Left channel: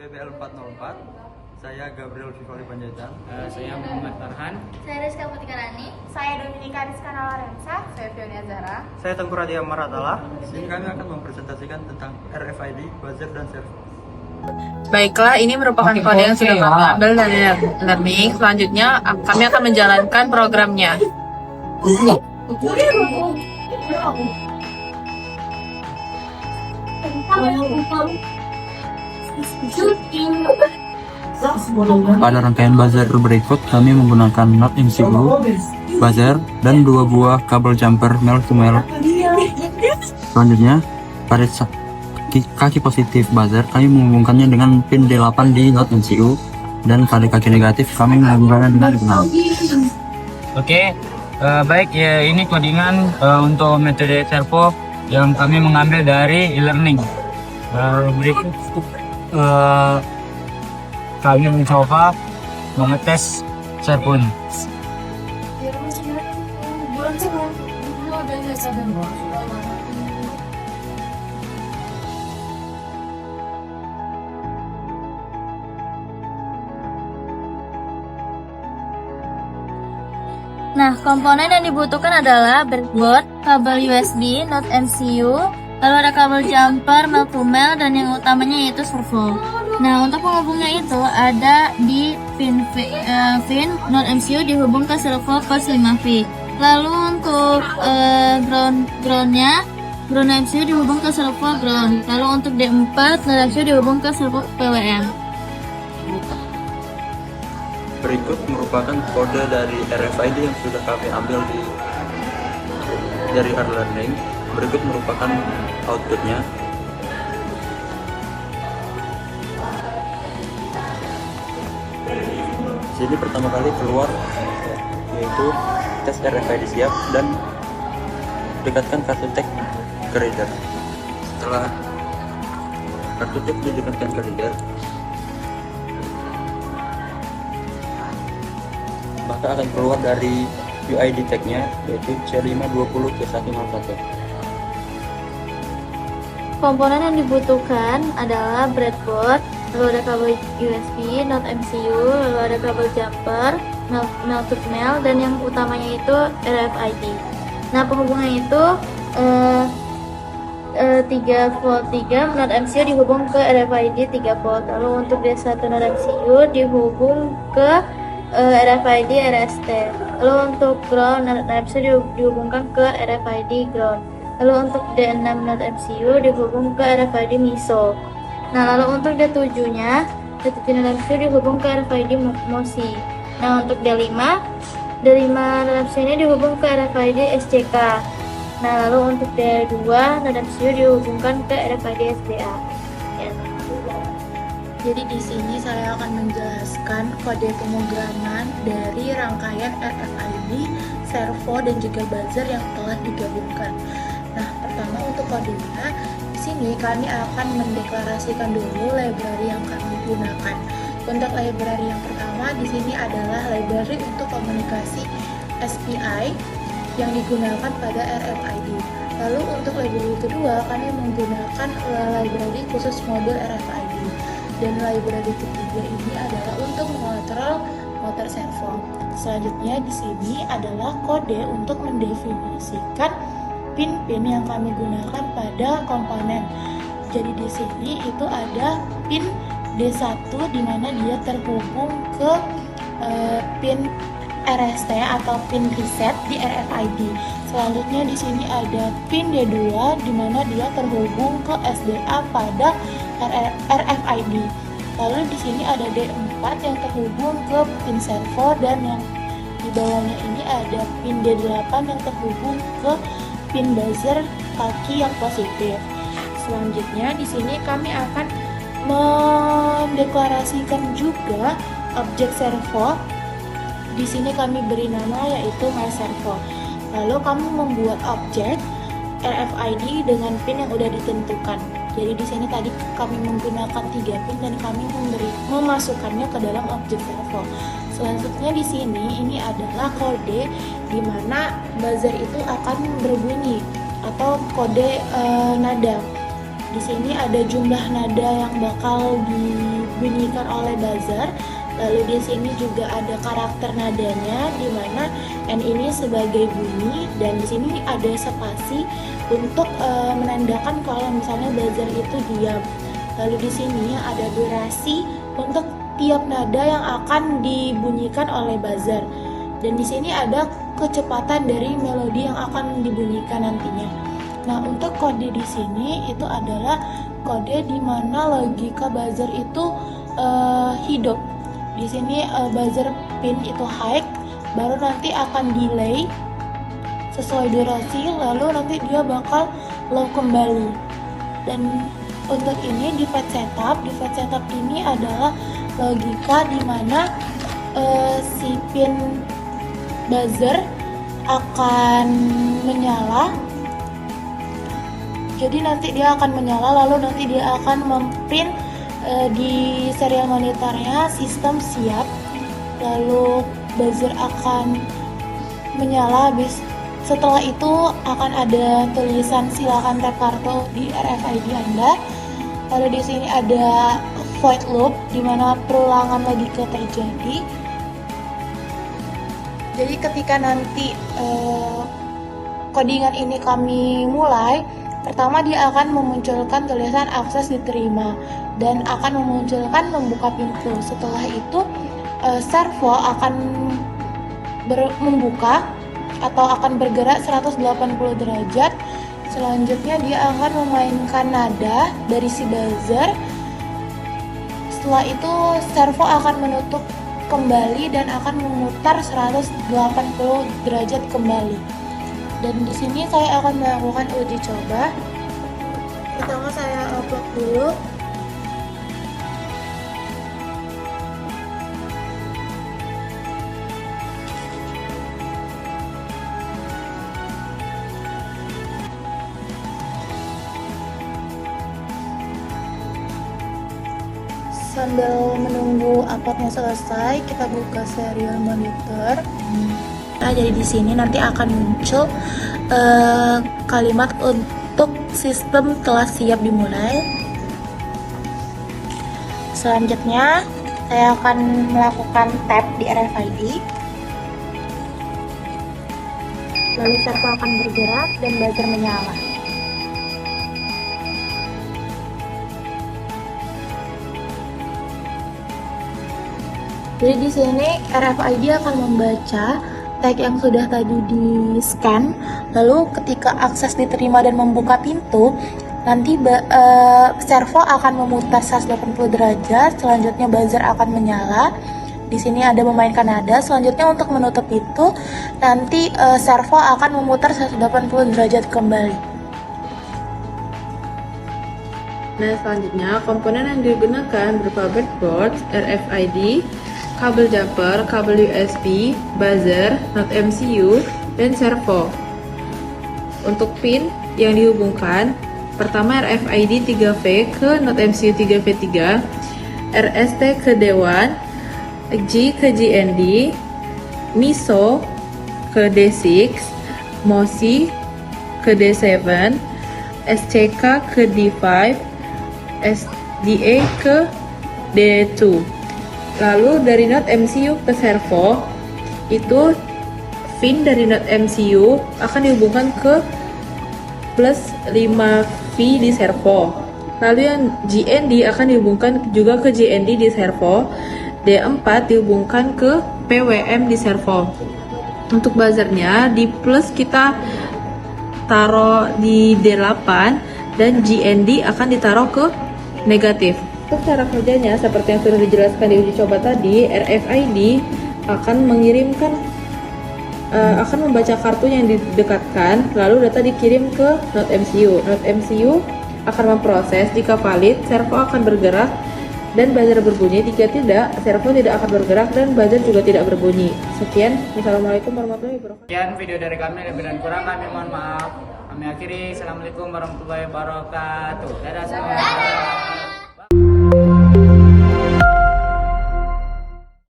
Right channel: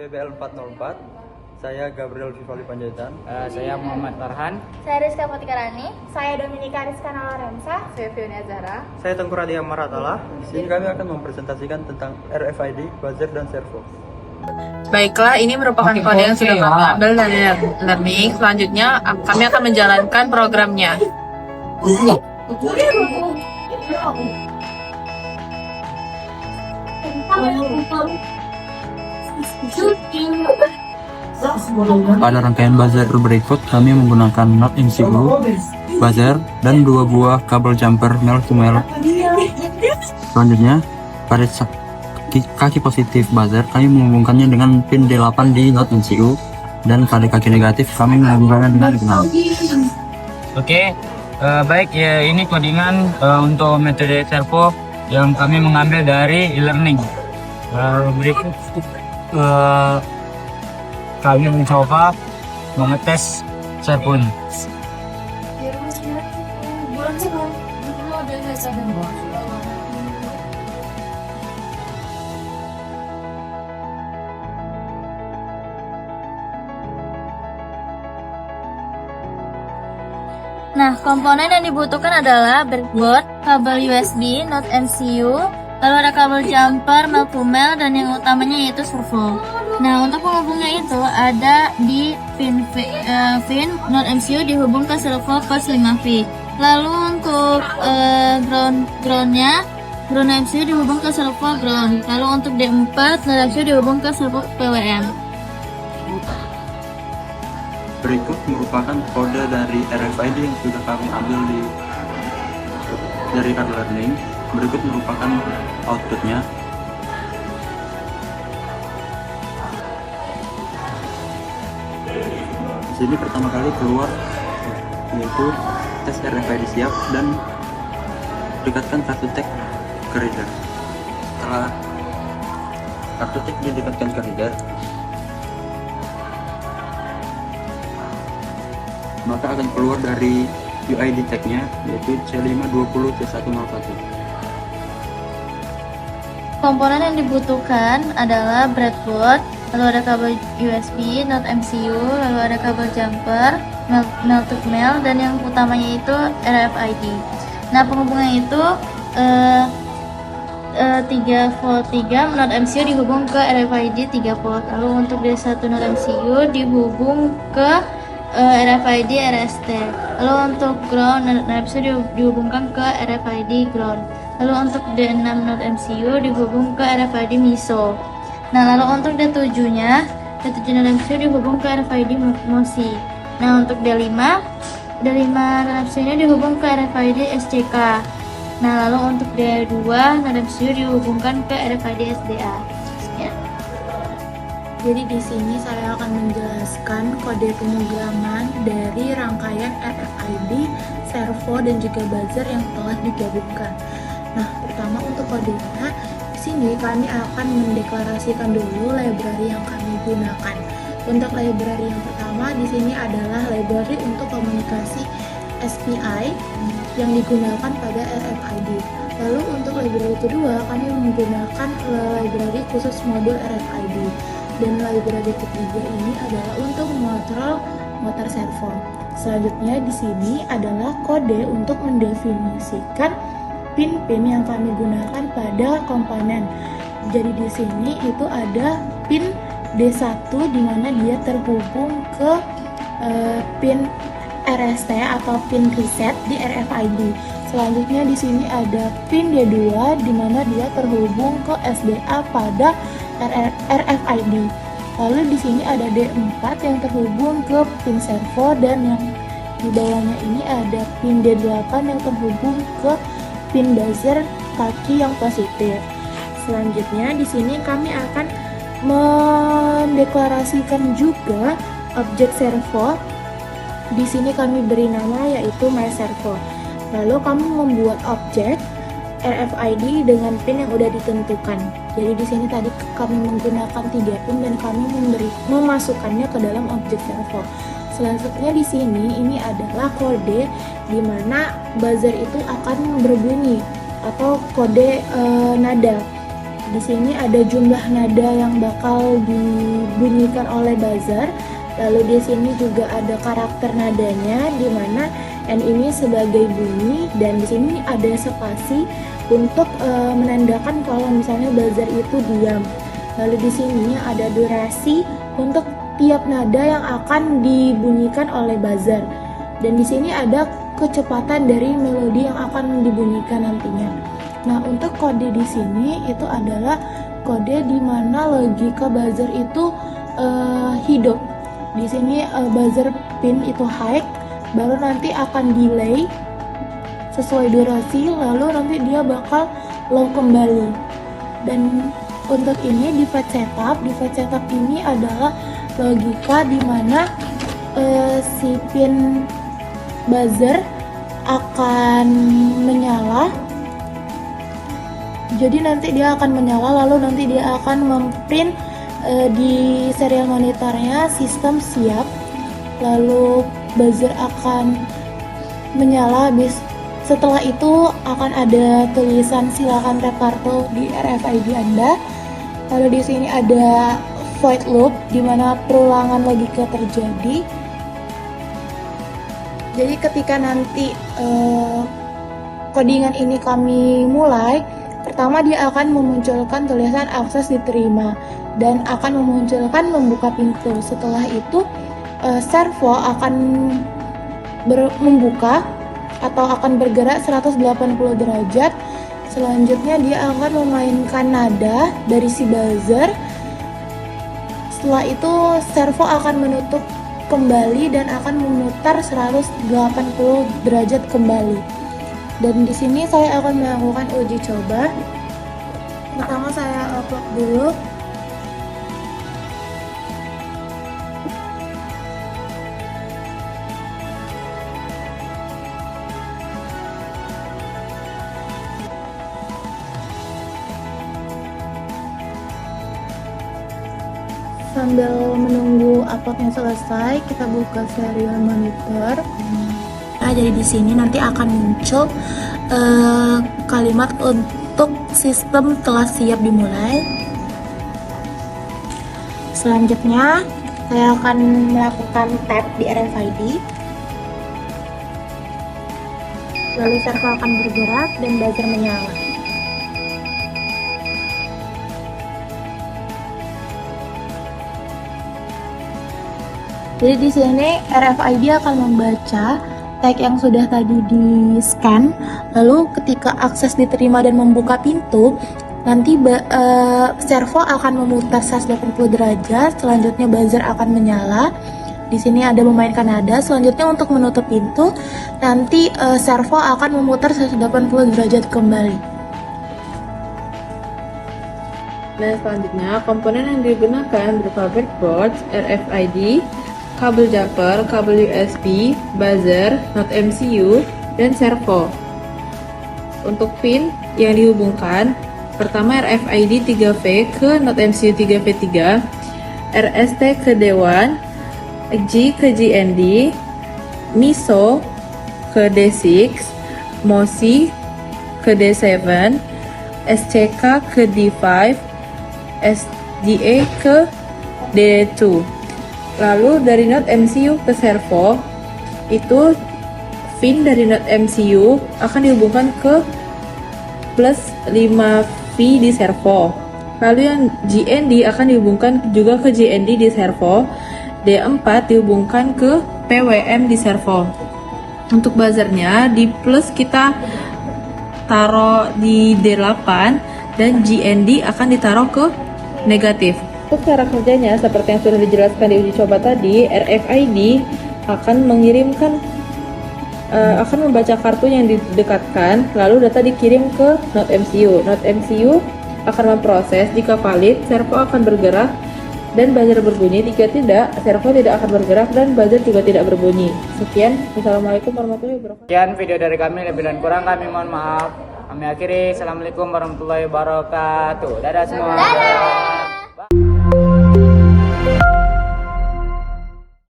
PBL 404. Saya Gabriel Vivali Panjaitan. Saya Muhammad Farhan. Saya Rizka Mutikarani. Saya Dominika Rizkana Lorenza. Saya Fiona Zara. Saya Tengku Radia Maratala. Di sini kami akan mempresentasikan tentang RFID, buzzer, dan servo. Baiklah, ini merupakan kode yang sudah kami ambil dari learning. Selanjutnya, kami akan menjalankan programnya. Pada rangkaian buzzer berikut, kami menggunakan not MCU, buzzer, dan 2 buah kabel jumper male to male. Selanjutnya, pada kaki positif buzzer, kami menghubungkannya dengan pin D8 di not MCU, dan pada kaki negatif, kami menghubungkannya dengan ground. Oke, baik ya, ini codingan untuk metode servo yang kami mengambil dari e-learning. Berikut kami mencoba mengetes servo ini. Nah, komponen yang dibutuhkan adalah breadboard, kabel USB, not MCU, lalu ada kabel jumper, male to male, dan yang utamanya yaitu servo. Nah, untuk penghubungnya itu ada di pin not MCU dihubung ke servo plus 5V. Lalu untuk groundnya, ground MCU dihubung ke servo ground. Lalu untuk D4, not MCU dihubung ke servo PWM. Berikut merupakan kode dari RFID yang sudah kami ambil dari e-learning. Berikut merupakan outputnya. Sini pertama kali keluar yaitu tes RFID siap dan dekatkan kartu tag ke reader. Setelah kartu tag didekatkan ke reader, maka akan keluar dari UID tag-nya yaitu C520C101. Komponen yang dibutuhkan adalah breadboard, lalu ada kabel USB, not MCU, lalu ada kabel jumper, male to male, dan yang utamanya itu RFID. Nah, penghubungan itu 3 volt 3 not MCU dihubung ke RFID 3 volt. Lalu untuk D1 not MCU dihubung ke RFID RST. Lalu untuk ground not MCU dihubungkan ke RFID ground. Lalu untuk D6 not MCU dihubung ke RFID MISO. Nah, lalu untuk D7-nya, D7 not MCU dihubung ke RFID MOSI. Nah, untuk D5 not MCU-nya dihubung ke RFID SCK. Nah, lalu untuk D2 not MCU dihubungkan ke RFID SDA. Sekian. Jadi di sini saya akan menjelaskan kode pemrograman dari rangkaian RFID, servo, dan juga buzzer yang telah digabungkan. Nah, pertama untuk kodenya, di sini kami akan mendeklarasikan dulu library yang kami gunakan. Untuk library yang pertama di sini adalah library untuk komunikasi SPI yang digunakan pada RFID. Lalu untuk library kedua, kami menggunakan library khusus modul RFID. Dan library ketiga ini adalah untuk mengontrol motor servo. Selanjutnya di sini adalah kode untuk mendefinisikan pin-pin yang kami gunakan pada komponen. Jadi di sini itu ada pin D1 di mana dia terhubung ke pin RST atau pin reset di RFID. Selanjutnya di sini ada pin D2 di mana dia terhubung ke SDA pada RFID. Lalu di sini ada D4 yang terhubung ke pin servo, dan yang di bawahnya ini ada pin D8 yang terhubung ke pin buzzer kaki yang positif. Selanjutnya di sini kami akan mendeklarasikan juga objek servo. Di sini kami beri nama yaitu myServo. Lalu kami membuat objek RFID dengan pin yang sudah ditentukan. Jadi di sini tadi kami menggunakan 3 pin dan kami memasukkannya ke dalam objek servo. Selanjutnya di sini ini adalah kode di mana buzzer itu akan berbunyi atau kode nada. Di sini ada jumlah nada yang bakal dibunyikan oleh buzzer. Lalu di sini juga ada karakter nadanya, di mana N ini sebagai bunyi, dan di sini ada spasi untuk menandakan kalau misalnya buzzer itu diam. Lalu di sini ada durasi untuk tiap nada yang akan dibunyikan oleh buzzer. Dan di sini ada kecepatan dari melodi yang akan dibunyikan nantinya. Nah, untuk kode di sini itu adalah kode di mana logika buzzer itu hidup. Di sini buzzer pin itu high, baru nanti akan delay sesuai durasi, lalu nanti dia bakal low kembali. Dan untuk ini di fetch setup ini adalah logika di mana si pin buzzer akan menyala. Jadi nanti dia akan menyala, lalu nanti dia akan memprint di serial monitornya sistem siap, lalu buzzer akan menyala. Setelah itu akan ada tulisan silakan tap kartu di RFID Anda. Lalu di sini ada void loop di mana perulangan logika terjadi. Jadi ketika nanti codingan ini kami mulai, pertama dia akan memunculkan tulisan akses diterima dan akan memunculkan membuka pintu. Setelah itu servo akan membuka atau akan bergerak 180 derajat. Selanjutnya dia akan memainkan nada dari si buzzer. Setelah itu servo akan menutup kembali dan akan memutar 180 derajat kembali. Dan di sini saya akan melakukan uji coba. Pertama saya upload dulu. Sambil menunggu uploadnya selesai, kita buka serial monitor. Nah, jadi di sini nanti akan muncul kalimat untuk sistem telah siap dimulai. Selanjutnya, saya akan melakukan tap di RFID. Lalu servo akan bergerak dan buzzer menyala. Jadi di sini RFID akan membaca tag yang sudah tadi di scan, lalu ketika akses diterima dan membuka pintu, nanti servo akan memutar 180 derajat, selanjutnya buzzer akan menyala. Di sini ada memainkan nada. Selanjutnya untuk menutup pintu, nanti servo akan memutar 180 derajat kembali. Nah, selanjutnya komponen yang digunakan berupa breadboard, RFID, kabel jumper, kabel USB, buzzer, not MCU, dan servo. Untuk pin yang dihubungkan, pertama RFID 3V ke not MCU 3V3, RST ke D1, G ke GND, MISO ke D6, MOSI ke D7, SCK ke D5, SDA ke D2. Lalu dari not MCU ke servo, itu pin dari not MCU akan dihubungkan ke plus 5V di servo. Lalu yang GND akan dihubungkan juga ke GND di servo. D4 dihubungkan ke PWM di servo. Untuk buzzernya di plus kita taruh di D8 dan GND akan ditaruh ke negatif. Untuk cara kerjanya, seperti yang sudah dijelaskan di uji coba tadi, RFID akan mengirimkan, akan membaca kartu yang didekatkan, lalu data dikirim ke not MCU. Not MCU akan memproses, jika valid, servo akan bergerak dan buzzer berbunyi. Jika tidak, servo tidak akan bergerak dan buzzer juga tidak berbunyi. Sekian, Wassalamualaikum warahmatullahi wabarakatuh. Sekian video dari kami, lebih dan kurang kami mohon maaf. Kami akhiri, Assalamualaikum warahmatullahi wabarakatuh. Dadah semua.